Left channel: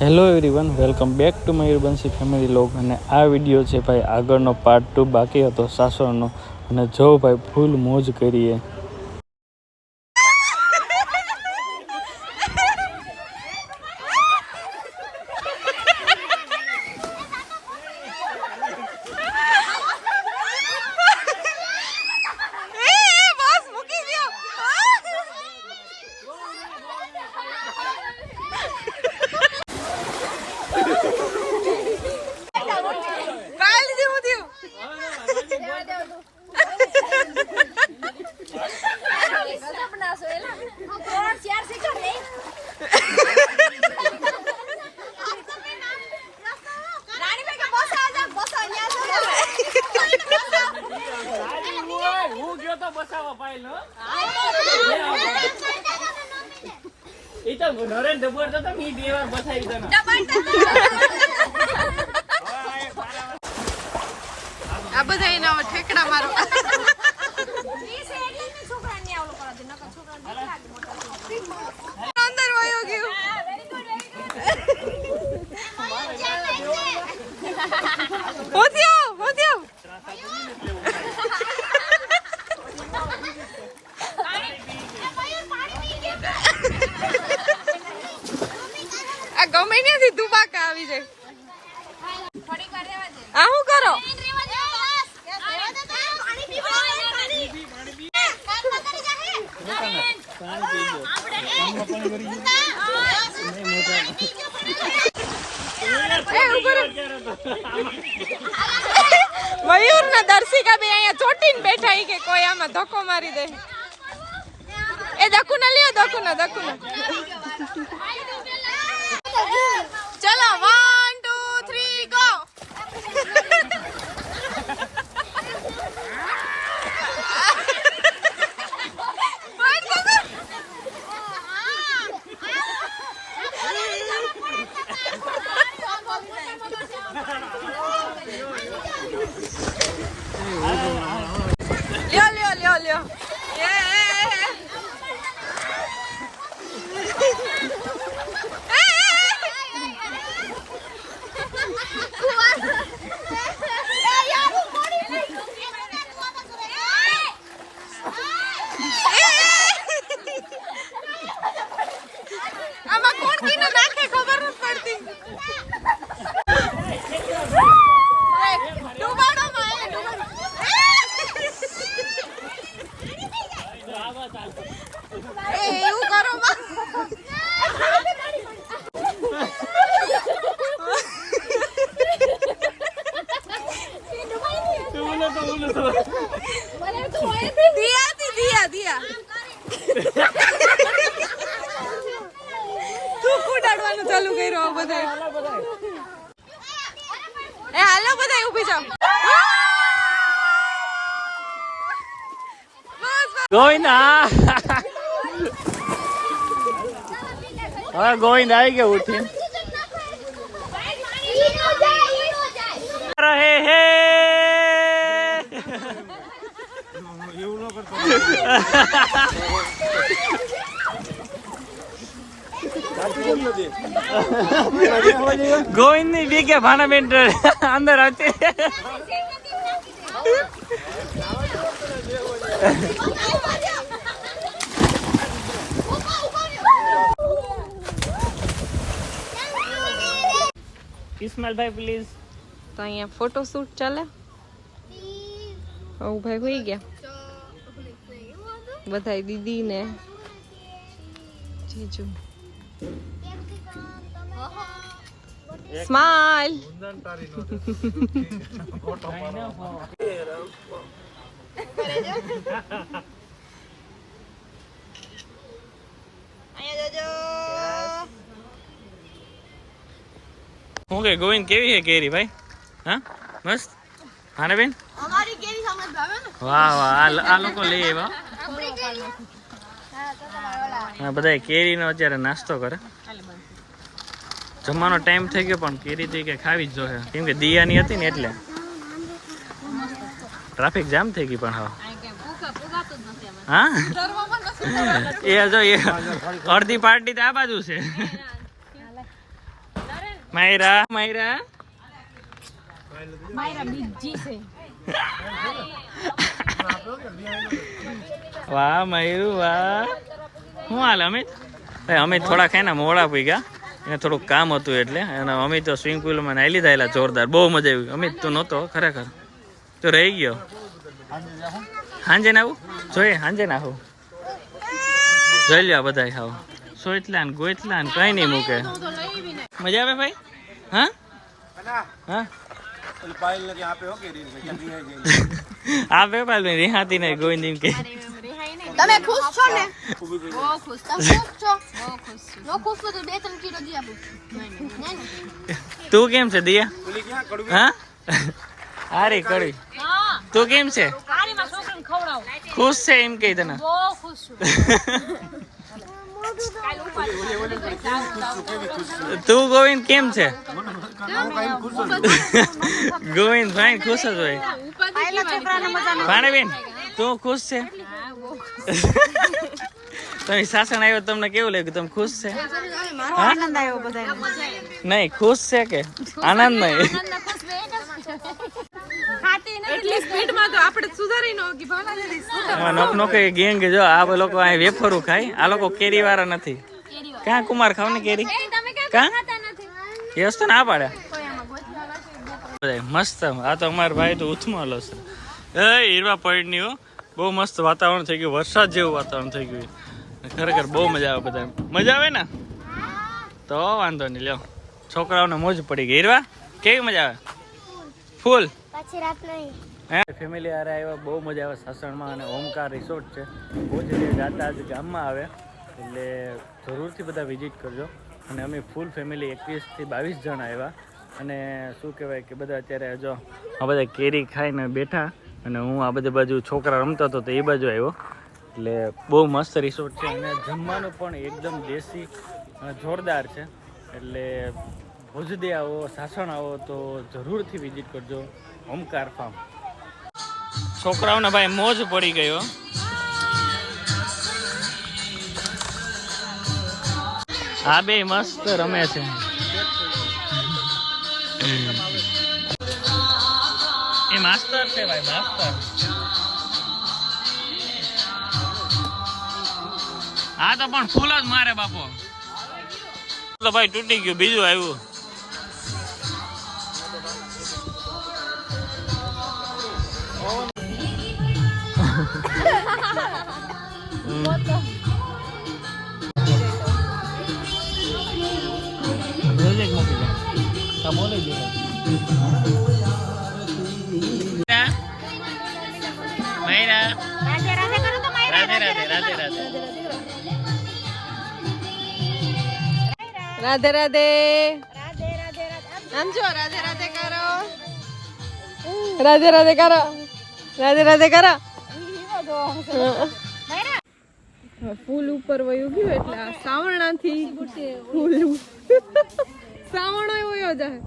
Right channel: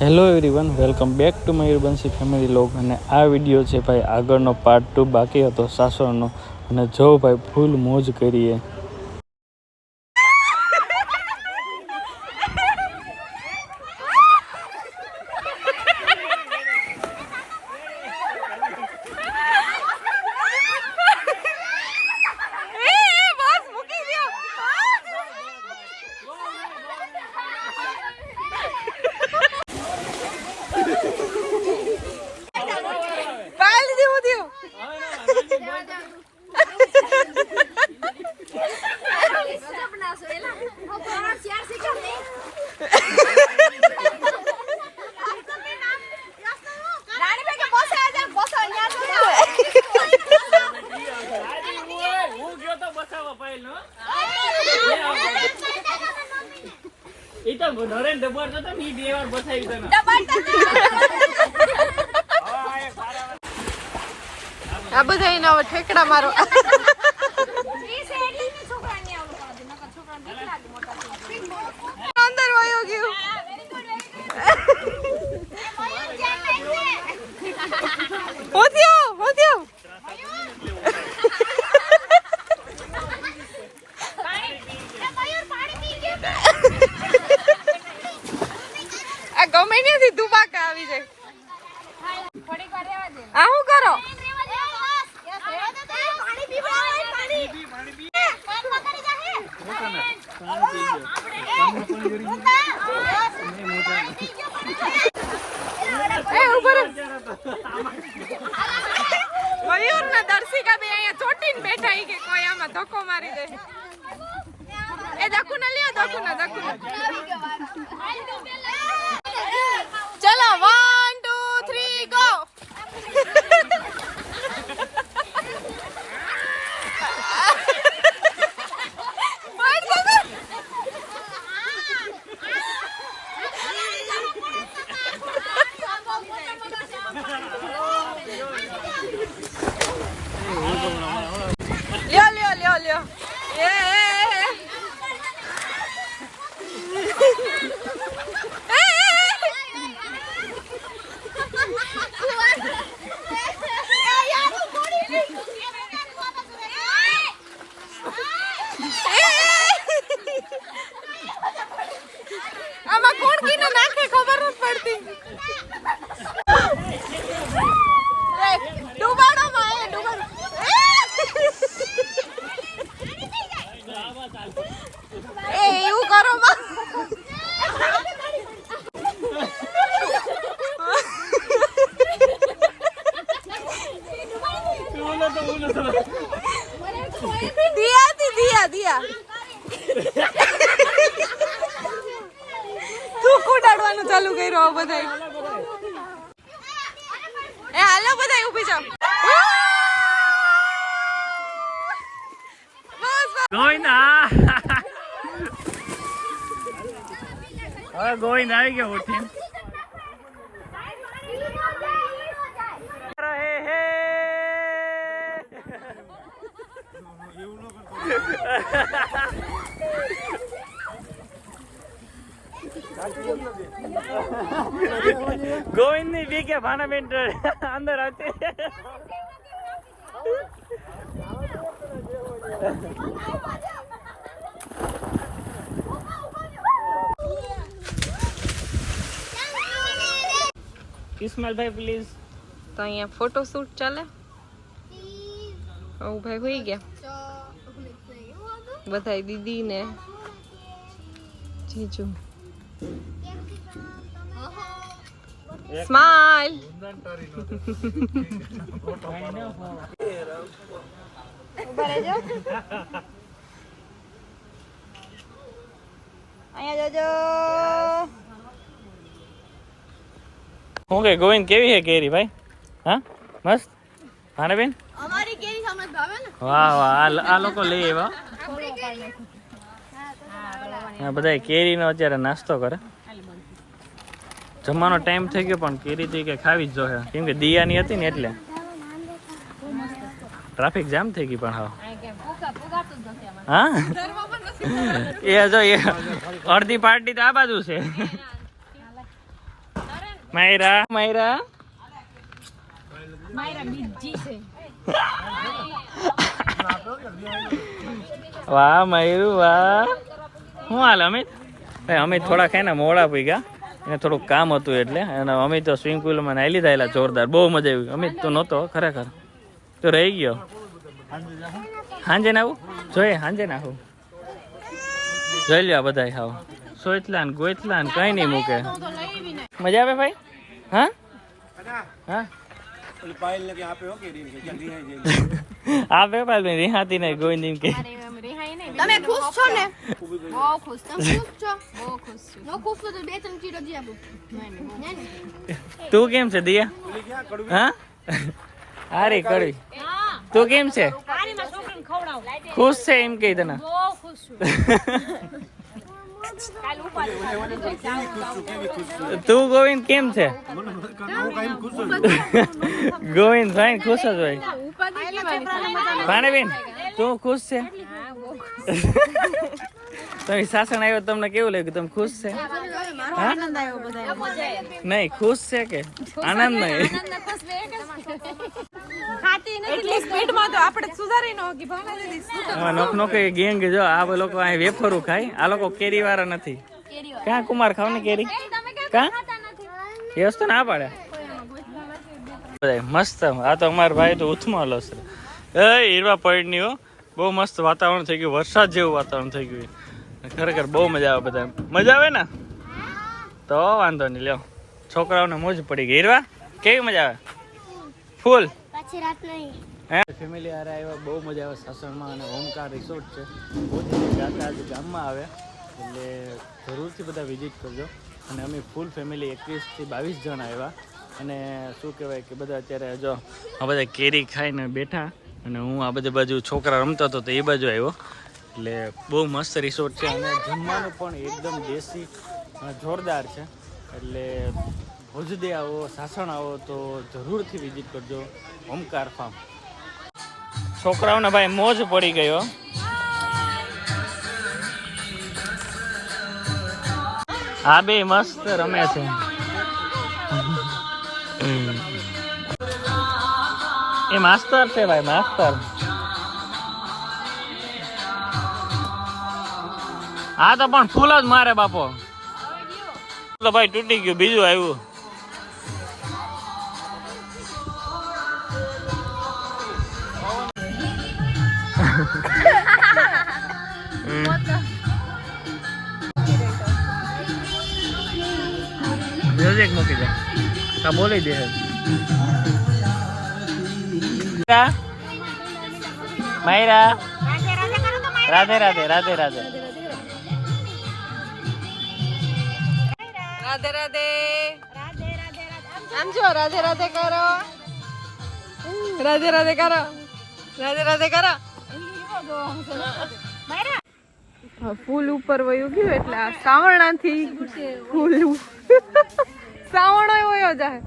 Hello everyone, welcome back to Mayurbanshi family log. અને આ video છે ભાઈ આગળનો પાર્ટ 2 બાકી હતો સાસણનો. અને જો ભાઈ ફૂલ મોજ કરીએ. આ બધા એના ઠેકડા મારો અંદર વયો ગયું. હોત્યો આ ગમે નથી દુબાકા આવી જાય. આ શું કરો? મયુર ને દર્શિકા બે અહીંયા ચોટીને બેઠા કે કોઈ આમાં ધક્કો મારી દે. એ દકુના લ્યો, દકુના ચલો 1 2 3 ગો. લ્યો આમાં કોણ કીને નાખે ખબર નથી પડતી. ડૂબાડો એવું કરો માં. દિયા તું કુડાડવાનું ચાલુ કર્યો બધા. એ હાલો બધા ઊભી જાવ. ગોવિંદ આવી ગયો ઉઠી રહે હે. ગોવિંદ ની બી કે ભાણા બેન અંદર હતી. ઇસ્માઇલભાઈ પ્લીઝ. તો અહીંયા ફોટો શૂટ ચાલે. હું ભાઈ હોઈ ગયા બધા દીદી ને જીજુ. સ્માઈલ. હું કે ગોવિંદ કેવી છે કેરી ભાઈ? હા મસ્ત. હા બેન અમારી કેરી સમજ ભાવે ને. વાહ આ લોકો લઈ આવ્યા. હા બધા કેરીનો અત્યારે નાસ્તો કરે. જમવાનો ટાઈમ થઈ ગયો પણ કેરી તો કે ખાવી જ જોઈએ કેમ કે દિયાની હતી ને એટલે. ટ્રાફિક જામ થઈ ગઈ પણ હા એ જો એ અડધી પાર્ટી તો આ બાજુ છે. માયરા માયરા વાહ મયુર વાહ. શું હાલ અમિત? ભાઈ અમિત થોડા ખાય ને મોડા પી ગયા, એને થોડુંક કામ હતું એટલે. અને અમિત તો સ્વિમિંગ પુલમાં નાહી થયેલા જોરદાર, બહુ મજા આવી. અમિત તો નહોતો ખરેખર, તો રહી ગયો. હાંજે નાવું જોઈએ, હાંજે નાવું જોઈ લ્યો બધા. હાવ સોઈતલા ને ગોઈતલા ને કઈ નહીં મૂકે. મજા આવે ભાઈ? હા હા આપે પાલ રિહાતી નહીં ગોવિંદ કે. તમે ખુશ છો ને? બહુ ખુશ. તમે ખુશ છો? બહુ ખુશ છું. નો ખુશ તો 2-3 કિલો દી આપું. નહીં. તું કેમ છે દિયા? હા હારી કડી. તું કેમ છે? હારી માં છોકરાને ખવડાવ. ખુશ છે એમ કહી તને? બહુ ખુશ છું. તું ગોવિંદ કેમ છે? ગોવિંદ ભાઈ ખુશ જ હોય. ભાણેબેન તું ખુશ છે? તમે સાસણ આવ્યો તમને કેવું લાગ્યું? તમે ખુશ છે? હા નહીં ખુશ છે કે આનંદ નહીં? નોક નોક ગેંગ જો આ લોકો અહીં વેફરું ખાય, આ લોકો કેરી વાળા નથી. ક્યાં કુમાર ખાવ ને કેરી? ક્યાં એ વસ્તુ ના પાડે મસ્ત. આ તો અમારા ભાઈ તો ઉથમાં લો છે. હીરવા પડી હો, બહુ મસ્ત વાતાવરણ થઈ ગયું, વરસાદ જેવું વાતાવરણ થઈ ગયું. ખરેખર બહુ મજા આવે. બધા મજા આવે ને તો વાંધો નહીં. લ્યો છોકરાઓને મોજ પડી ગઈ. હીરવા કેવી મજા આવે? ફૂલ. પછી રાત નહીં. ફેમિલી હારે આવ્યા, બહુ મજા આવે સાસણમાં. અને ઓમકાર રિસોર્ટ છે, બહુ જ જાતા આજ ગામમાં આવે એટલે જરૂરથી બધા વિઝિટ કરજો. અને અમે ફૂલ ફેમિલી 21 થી 22 જણ આવ્યા. અને શું કહેવાય કે બધા અત્યારે જો આ બધા કેરી ખાઈને બેઠા, અને હું આ બધી બાજુ છોકરા રમતો હતો તો એ બાજુ આવ્યો. એટલે બહુ મસ્ત રિસોર્ટ છે, અને જમવાનું પણ એકદમ દેશી જોરદાર છે. એટલે ભુજદે આવો, સાસણ આવો તો જરૂરથી વિઝિટ કરજો ઓમકાર ફાર્મ. છોકરાઓને ભાઈ મોજ પડી ગયો. આ બે મસ્ત રમે છે. એ માસ્ટર છે ભાઈ, માસ્ટર. હા તો પણ ફૂલ જ મારે બાપો. તો ભાઈ તૂટી ગયું, બીજું આવ્યું. મ્યુઝિક મૂકી દે કા બોલી દે. માયરા રાધે રાધે રાધે રાધે રાધે રાધે. આમ જો રાધે રાધે કરો, રાધે રાધે કરો, રાધે રાધે કરો. ફૂલ ઉપર વયું ગયું એટલે આ સાવરણાથી ફૂલ સાવણો વયો જાય.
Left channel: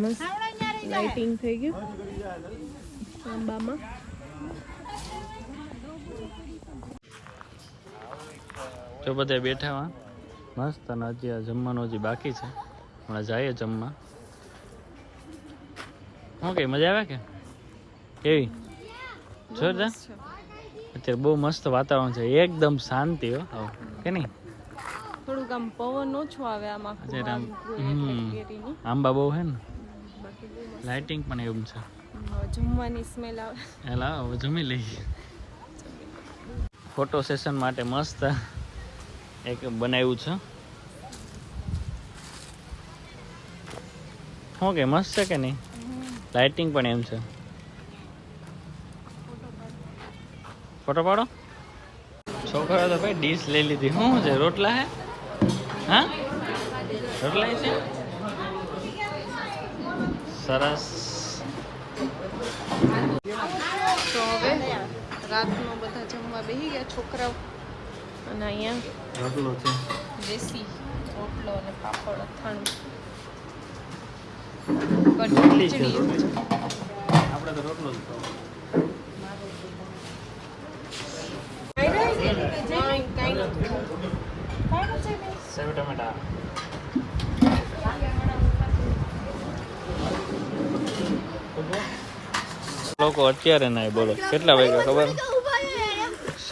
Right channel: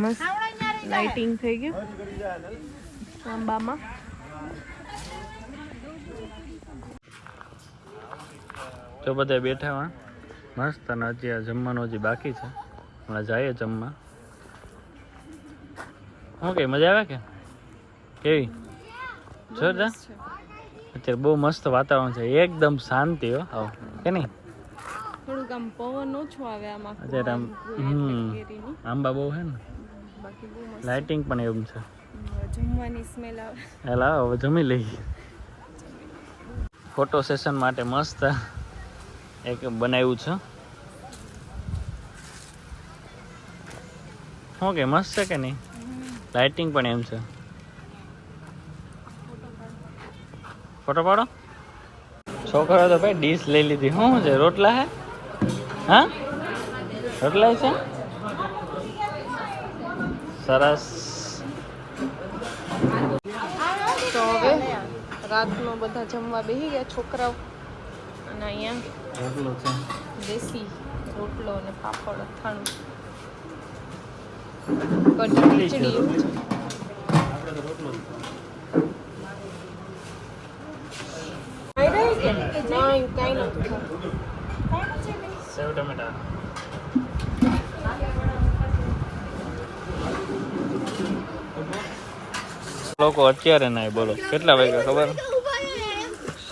મસ્ત લાઇટિંગ થઈ ગયું સાંબામાં. તો બધા બેઠા મસ્ત. અને હજી આ જમવાનું હજી બાકી છે, હમણાં જઈએ જમવા. શું કે મજા આવે કે કેવી? જોરદાર. અત્યારે બહુ મસ્ત વાતાવરણ છે, એકદમ શાંતિ હો આવ કે નહીં? થોડુંક આમ પવન ઓછો આવે આમાં. અત્યારે આમ આંબા બહુ હે ને, લાઇટિંગ પણ એવું છે. જમવાની સ્મેલ આવે. હેલા હવે જમી લઈ. ફોટો સેશન માટે મસ્ત એક બનાવ્યું છે. શું કે મસ્ત છે કે નહીં? લાઇટિંગ પણ એમ છે. ફોટો પાડો. છોકરા તો ભાઈ ડીશ લઈ લીધી. શું છે? રોટલા હે? હા રોટલા છે, સરસ. તો હવે રાતનો બધા જમવા બેસી ગયા છોકરાઓ. અને અહીંયા રોટલો છે, દેશી રોટલો અને પાપડ અથાણું, કઢી ખીચડી. આપણે તો રોટલો જ નહીં, કાંઈ નથી. સેવ ટમેટા. લોકો અત્યારે ના બોલો કેટલા વાગ્યા ખબર?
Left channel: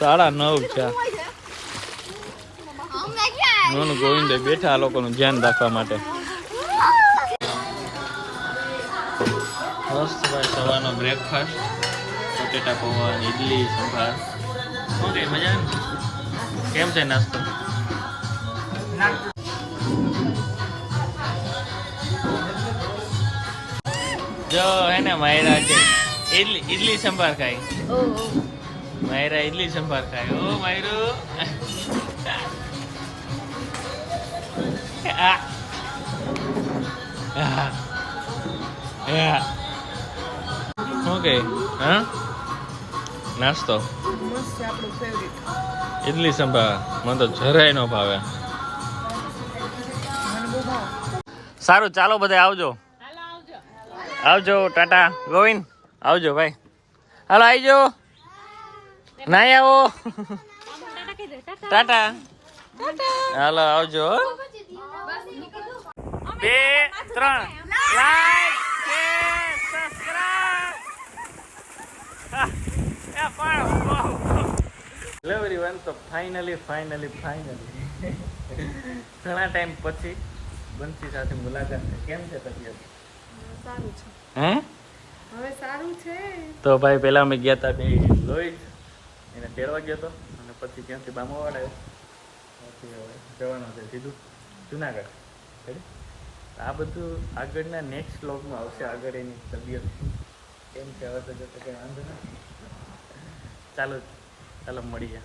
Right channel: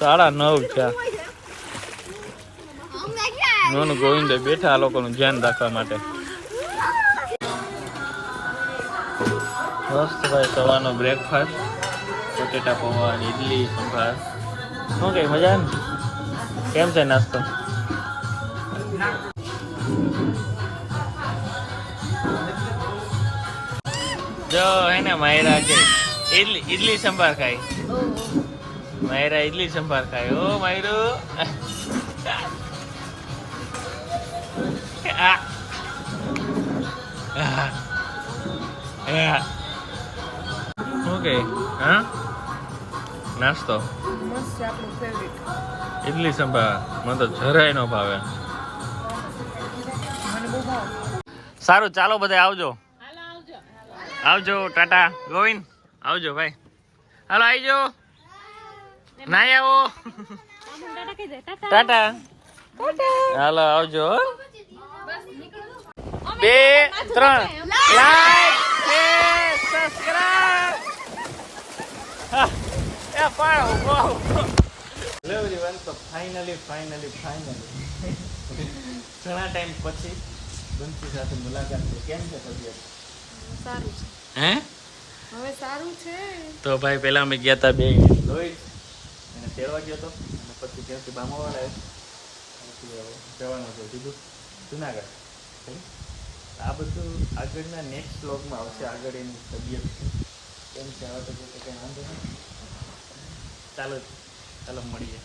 9:30 છે. નોનું ગોવિંદે બેઠા આ લોકોનું ધ્યાન રાખવા માટે. મસ્ત ભાઈ સવારનો બ્રેકફાસ્ટ, બટેટા પૌવા, ઇડલી, સંભાર. શું કઈ મજા ને? કેમ છે નાસ્તો? જો હે ને માયરા કે ઇડલી સંભાર ખાય. માયરા ઇડલી સંભાર ખાય. ઓ માયરું ઓકે. હા નાસ્તો ઇડલી સંભાર મને તો જરાય ન ભાવે. સારું ચાલો બધા આવજો. આવજો ટાટા. ગોવિંદ આવજો ભાઈ. હાલો આવજો. નાઈ આવો. ટાટા. હાલો આવજો. 2 3 લાઈક શેર સબસ્ક્રાઇબ. એ પાડો એવરીવન. તો ફાઇનલી ઘણા ટાઈમ પછી બંસી સાથે મુલાકાત થઈ. કેમ છે તબિયત? હે હવે સારું છે. તો ભાઈ પહેલા અમે ગયા હતા બે લોહી એને તેડવા ગયો હતો અને પછી ત્યાંથી બામાવાડ આવ્યો. ત્યાંથી હવે જવાનું છે સીધું જુનાગઢ. આ બધું આગળના નેક્સ્ટ વ્લોગમાં આવશે. આગળ એની તબિયત કેમ છે હવે તો જતો કંઈ વાંધો નહીં. ચાલો મળીએ.